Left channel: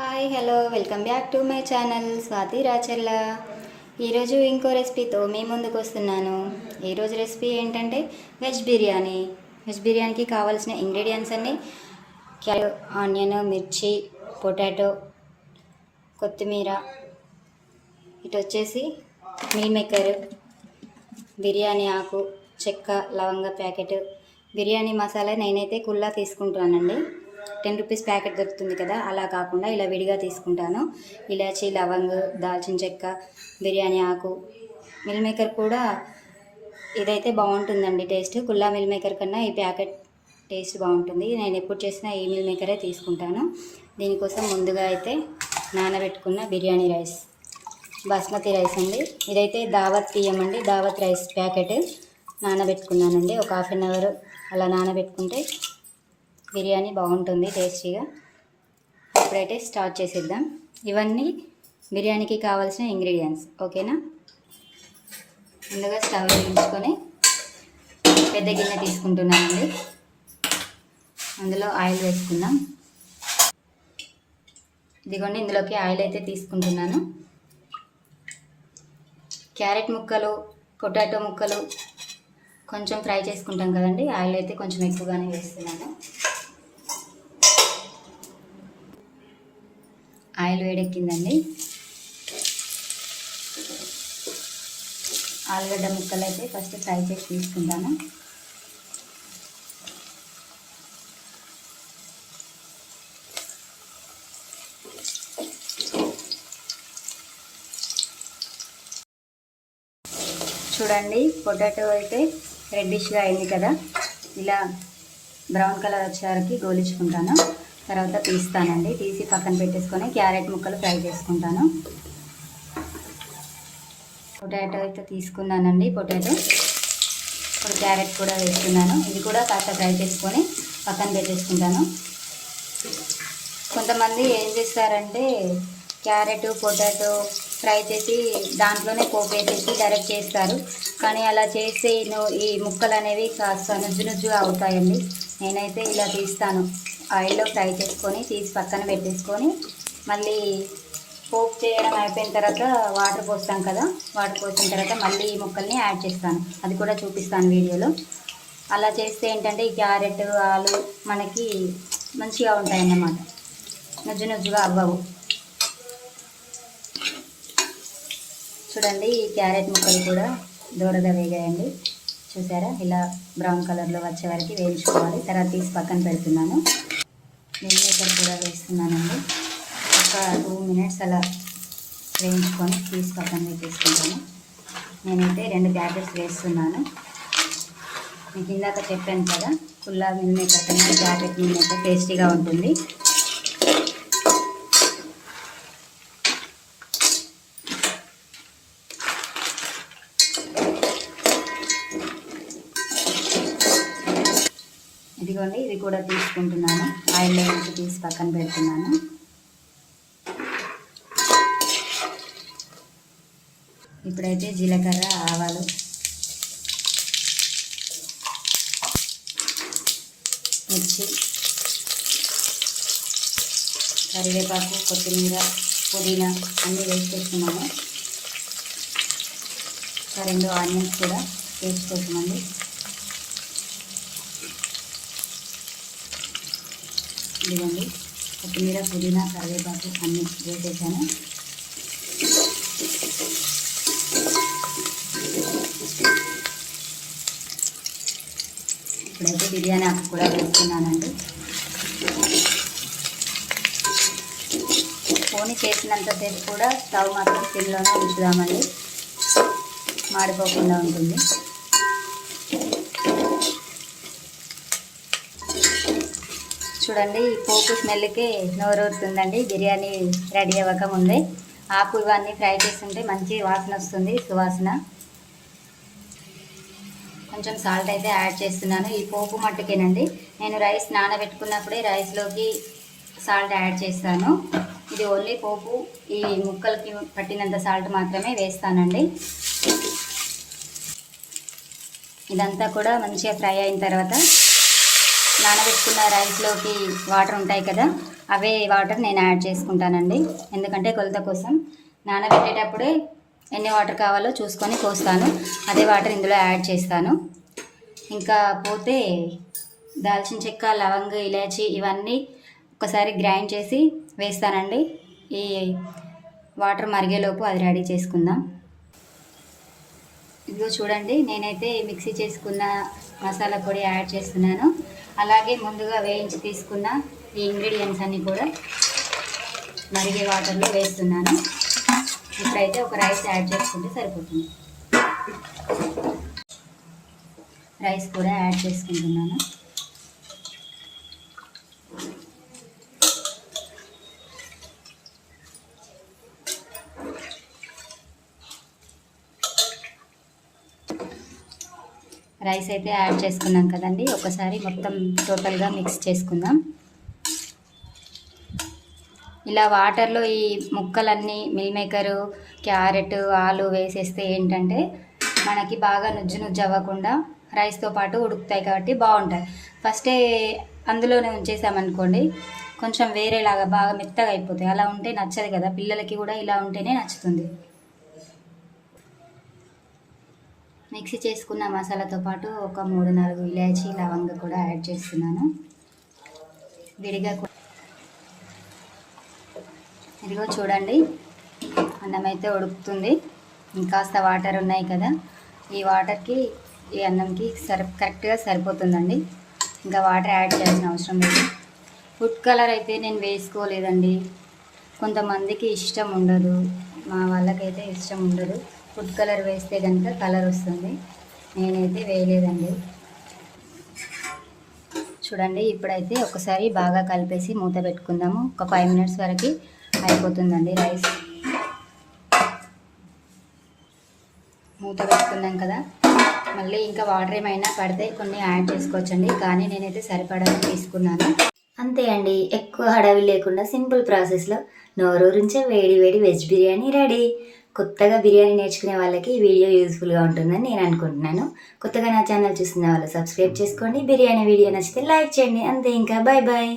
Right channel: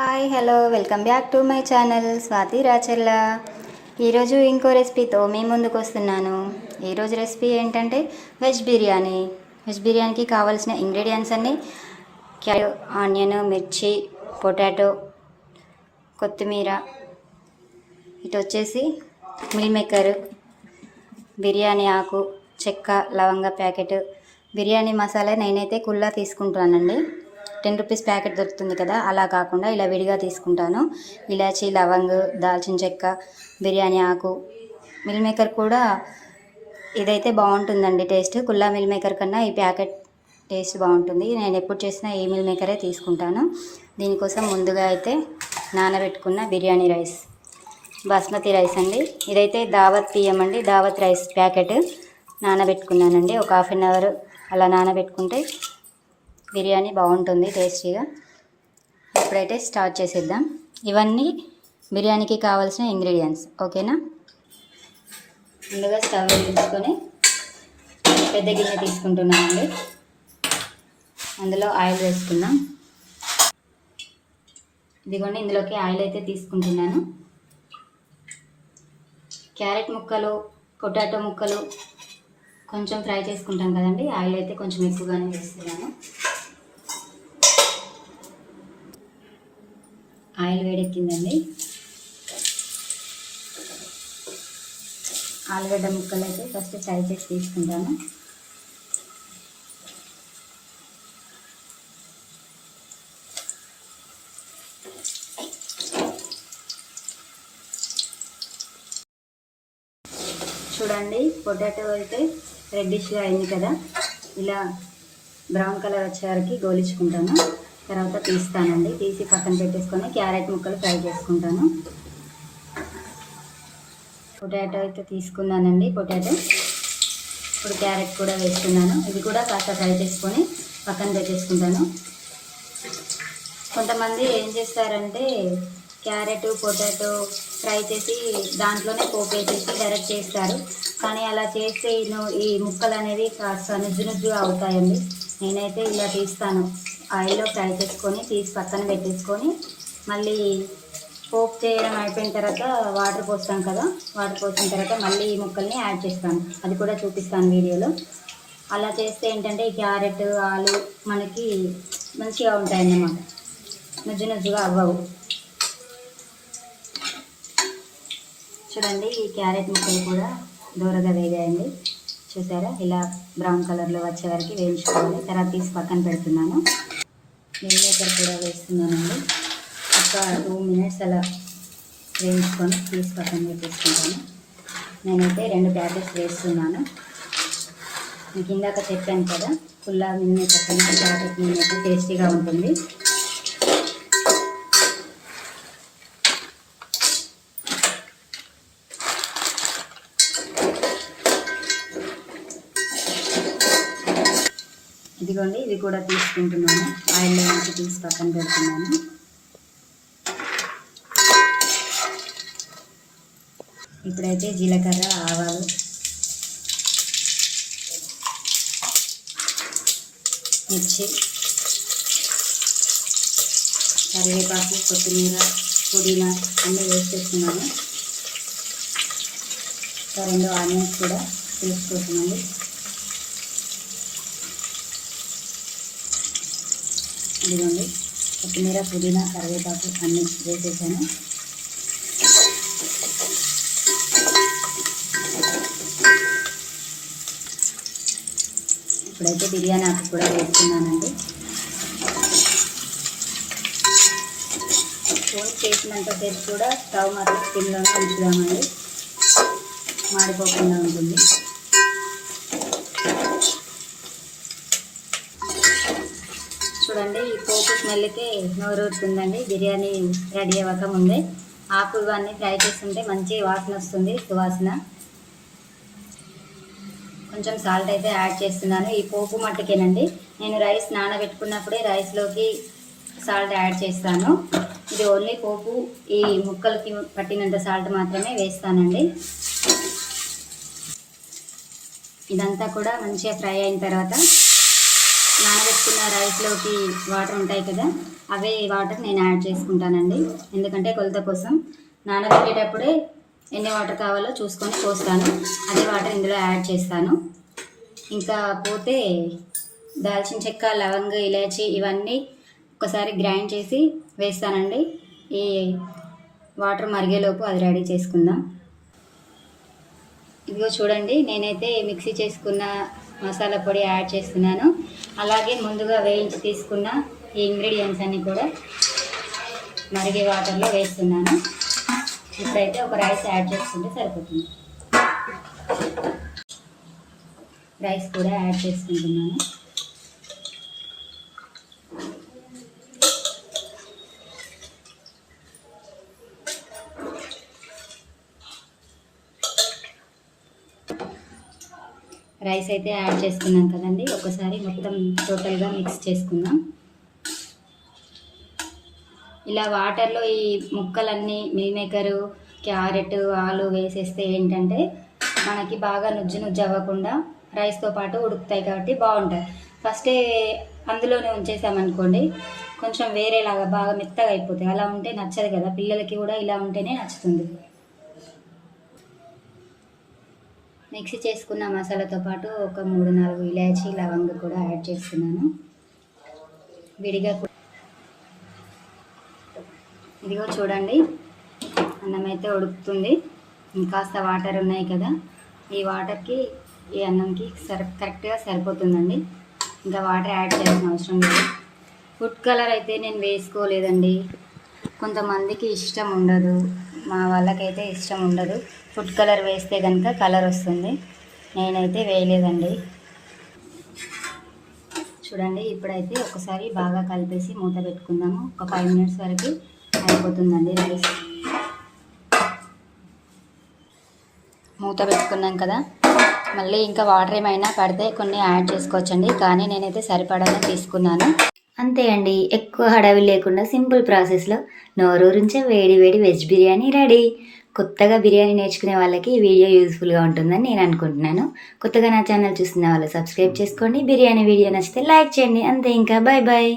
Hi hello welcome back to my channel Swathi Racharla ఈరోజు ఇంకో రెసిపీతో మీ ముందుకు వస్తున్నాను. ఈరోజు రెసిపీ ఏంటంటే వెజ్ బిర్యానీ. వెజ్ బిర్యానీకి కావాల్సిన ఇంగ్రీడియంట్స్ అన్నీ క్యారెట్ ఆనియన్ మిర్చి పొటాటో కొత్తిమీర. ఇటు వచ్చేసి మిల్ మేకర్ బిర్యానీ ఆకు చెక్క లవంగ ప్యాకెట్. బిర్యానీ మసాలా నేనైతే కుల్లా తీసుకుంటానండి టెన్ రూపీస్ ప్యాకెట్ దొరుకుతుంది కదా అలా కాకుండా ఇలా విడిగా తీసుకుంటాను. ఇలాచి లవంగ్ దాల్చిన చెక్క బిర్యానీ ఆకు మిల్ మేకర్ కూడా ఇదైతే బాగుంటుందండి టేస్ట్. కుల్లా మిల్ మేకర్ కన్నా ఈ ప్యాకెట్ టేస్ట్ బాగుంటుంది. నేను ఎప్పుడు చేసినా ఈ మిల్ మేకరే తీసుకుంటాను. దీనికోసం ముందుగా అయితే నానబెట్టుకున్న బిర్యానీ రైస్ బాస్మతి రైస్ అండి. ఇదైతే దావత్ తీయమండి దావత్ రైస్ ప్యాకెట్. నానబెట్టుకున్నానండి. ఒక హాఫ్ అన్ అవర్ అలా నానబెట్టుకుంటే బిర్యానీ బాగుంటుంది టేస్టీగా. ఇప్పుడైతే స్టార్ట్ చేసేద్దాం. ఇవన్నీ బిర్యానీకి కావాల్సిన ఇంగ్రీడియంట్స్ ఓకేనా? ముందుగా స్టవ్ వెలిగించుకొని పెద్ద గిన్నె తీసుకుంటున్నానండి. అందులో ఆయిల్ వేసుకుందాం. ఇదిగోండి ఇందులోకి ఆయిల్ అయితే తీసుకుంటున్నాను. క్యారెట్ ముక్కలు పొటాటో ముక్కలు కొంచెం ఫ్రై చేసుకుంటాం కదండి ఆయిల్ అయితే కొంచెం ఎక్కువగానే వేస్తున్నాను. ఆయిల్ వేడెక్కిందండి. ఆలుగడ్డ ముక్కలు అయితే ఫస్ట్ ఫ్రై చేసి తీసుకుంటాను. చూడండి పొటాటో అయితే రెడ్డిష్గా అయింది కదా. ఇలా బ్రౌన్ కలర్ వచ్చే వరకు గోలించుకుంటాను. తర్వాత తీస్తానండి. తీసి పక్కన పెట్టేసుకొని క్యారెట్ ముక్కలు ఫ్రై చేసుకుంటాను. పొటాటో అయితే తీసుకున్నానండి పొటాటో. ఇప్పుడు క్యారెట్ కూడా వేసుకున్నాను ఇది కూడా కాస్త ఫ్రై చేసుకొని పక్కన పెట్టేసుకుంటాను. కొంతమంది ఏం చేస్తారంటే క్యారెట్ పొటాటో ఫ్రై చేసి దాంట్లోనే పోపు వేసేసి డైరెక్ట్ చేస్తారు. కానీ అలా చేస్తే ఈ ముక్కలు అనేవి కాస్త నుజ్జు నుజ్జుగా అవుతాయండి. నేనైతే ఇలా తీస్తాను. ఆయిల్లో ఫ్రై చేసుకొని తీసి పక్కన పెట్టేసుకొని మళ్ళీ పోపు చేయడం అయిపోయిన తర్వాత వాటర్ పోస్తాం కదా వాటర్ పోసిన తర్వాత మళ్ళీ ఈ ముక్కల్ని యాడ్ చేస్తాను. అది కూడా చూపిస్తాను వీడియోలో. అలా చేస్తే ఏంటంటే ఈ క్యారెట్ ఆలు మనకి మంచిగా ఉంటాయి అన్నమాట నుజ్జు నుజ్జుగా అవ్వవు. చూడండి ఈ క్యారెట్ ముక్కలు కూడా దూరగా వేగాయండి. చూసారా? ఇలా బ్రౌన్ కలర్లో వచ్చే వరకు వేయించుకోవాలి. తర్వాత తీసి పక్కన పెడుతున్నాను. మిల్లిమేకర్ కూడా వేస్తున్నానండి. ఒక టూ మినిట్స్ అలా వేయించుకొని తీసి పక్కన పెట్టేసుకుంటాను నేనైతే రెండు ప్యాకెట్స్ వేస్తున్నాను. మీకు ఇందాక చెప్పాను కదా కుల్లా మిల్లిమేకర్ కన్నా ప్యాకెట్ మిల్లిమేకర్ టేస్టీగా ఉంటుంది. ఇదిగోండి ఇవి కూడా తీసుకుంటున్నాను. ఆయిల్లో వేసి తీసి పక్కన పెడుతున్నాను. ఇప్పుడైతే జీలకర్ర ఆవాలు. మిర్చి. కరివేపాకు కొత్తిమీర పుదీనా అన్నీ వేసేస్తున్నాను ఇంకా రెండు ఆనియన్స్ కూడా తీసుకుంటున్నాను ఇదిగోండి కొత్తిమీర పుదీనా కరివేపాకు అన్నీ వేసేసాను. ఇప్పుడైతే బిర్యానీ ఆకు కూడా వేస్తున్నానండి. పోనీ చేసినంతసేపు కూడా స్టవ్ మాత్రం సిమ్లోనే ఉంచుదామండి. మాడిపోకుండా ఉంటుంది. చూడండి పోపు స్మెల్కి నోరూరుతుందండి. బిర్యానీ రెడీ అవ్వక ముందే ఆకు ఇవన్నీ ఫ్రై చేస్తుంటే మంచి వాసన వస్తుంది సువాసన. కొంచెం సాల్ట్ అయితే యాడ్ చేస్తున్నాను. ఈ పోపు మట్టుకేనండి. నేను రైస్ నానబెట్టుకున్నప్పుడే రైస్లోకి సాల్ట్ యాడ్ చేస్తాను. ఇది ఓన్లీ పోపు ఈ ముక్కలకి పట్టినంత సాల్ట్ మాత్రమే వేస్తానండి. ఇదంతా కూడా మంచిగా ఫ్రై అయిన తర్వాత నానబెట్టుకున్న రైస్లోకి వాటర్ ఉంటాయి కదా అవే వాటర్ నేను యాడ్ చేసుకుంటానండి. ఎందుకంటే కొలత కోసం నానబెట్టేటప్పుడే ఎన్ని వాటర్ కావాలో చూసుకొని పోస్తాను. అదే వాటర్ ఇందులో యాడ్ చేస్తాను. ఇంకా పోతే దాల్చిన చెక్క లవంగ ఇలాచి ఇవన్నీ ఒకసారి గ్రైండ్ చేసి వేస్తానండి. ఈ వాటర్ మరిగేలోపు అది రెడీ చేసుకుందాం. ఇదిగో చూడండి నేనైతే మిక్సీ చేసుకున్న మసాలా పొడి యాడ్ చేస్తున్నాను. అలాగే ముందుగా వేయించి తీసుకున్న ఈ ఇంగ్రీడియంట్స్ అన్నీ కూడా మరిగే వాటర్లో వేస్తున్నాను. ఇప్పుడైతే ఒక రైస్ యాడ్ చేసుకుంటే సరిపోతుంది. రైస్ కూడా యాడ్ చేసుకుంటున్నాను. రైస్ అయితే యాడ్ చేసుకున్నాం కదండి. ఒకసారి మొత్తం టోటల్గా మిక్స్ చేసుకుందాం. ఇలా వాటర్లో ఈ ముక్కలన్నీ మిల్ మేకరు క్యారెట్ ఆలు వేసేస్తే ఏంటంటే మనకి బాగా నుజ్జు నుజ్జు అవ్వకుండా రైస్తో పాటు ఉడుకుతాయి కాబట్టి బాగుంటాయి. ఫస్టే అందులోనే ఉంచేసామనుకోండి కొంచెం వేరేలాగా బాగా మెత్తగా అయిపోతాయి. అలా ఉంటే నచ్చదు కదా పిల్లలకి కూడా ఇలా ఉంటేనే నచ్చుతుంది. మిక్సీ చేసుకున్న మసాలాతో పాటు ఒక మూడు నాలుగు ఇలాచి లవంగ కూడా యాడ్ చేస్తున్నాను. విడిగా ఇదిగో చూడండి. అన్నం అయితే ఉడుకుతుంది. ఇంకాస్త వాటర్ ఉన్నాయి కదా. ఈ వాటర్కి ఈ అన్నంకి సరి కరెక్ట్గా సరిపోతుందండి. ఇంకా వాటర్ యాడ్ చేయాల్సిన అవసరం లేదు. ఫుడ్ కలర్ అయితే నేను వేసుకోలేదండి. కొంతమందికి ఇష్టం ఉండదు. మా వాళ్ళకైతే ఇష్టం ఉండదు. ఫుడ్ కలర్ వేస్తే కనుక కలర్ వస్తుంది. నేనైతే వేయలేదండి. చూడండి ఇప్పుడైతే ఒకసారి బాగా కలిపేసి మూత పెట్టుకుందాము. ఒక ఫైవ్ మినిట్స్ వరకు అయిపోతుందండి రైస్. మూత పెట్టుకున్నాం కదా. మళ్ళీ ఇంకా వాటర్ ఏమైనా పడితే కొన్ని యాడ్ చేసుకోవచ్చండి. కానీ నేనైతే సరిపడానే తీసుకున్నాను. అంతే అండి ఎక్కువ హడావి లేకుండా సింపుల్ ప్రాసెస్లో నోరూరించే వేడి వేడి వెజ్ బిర్యానీ రెడీ. కొత్తగా బిర్యానీ నేర్చుకునే వాళ్ళకి ఈ వీడియో యూస్ఫుల్గా ఉంటుందని నేను అనుకుంటున్నాను. కొత్తగా నా ఛానల్ చూస్తున్న వాళ్ళు సబ్స్క్రైబ్ చేసుకోండి. బిర్యానీ వీడియో నచ్చితే లైక్ చేయండి. అంతే ఇంకా. Bye bye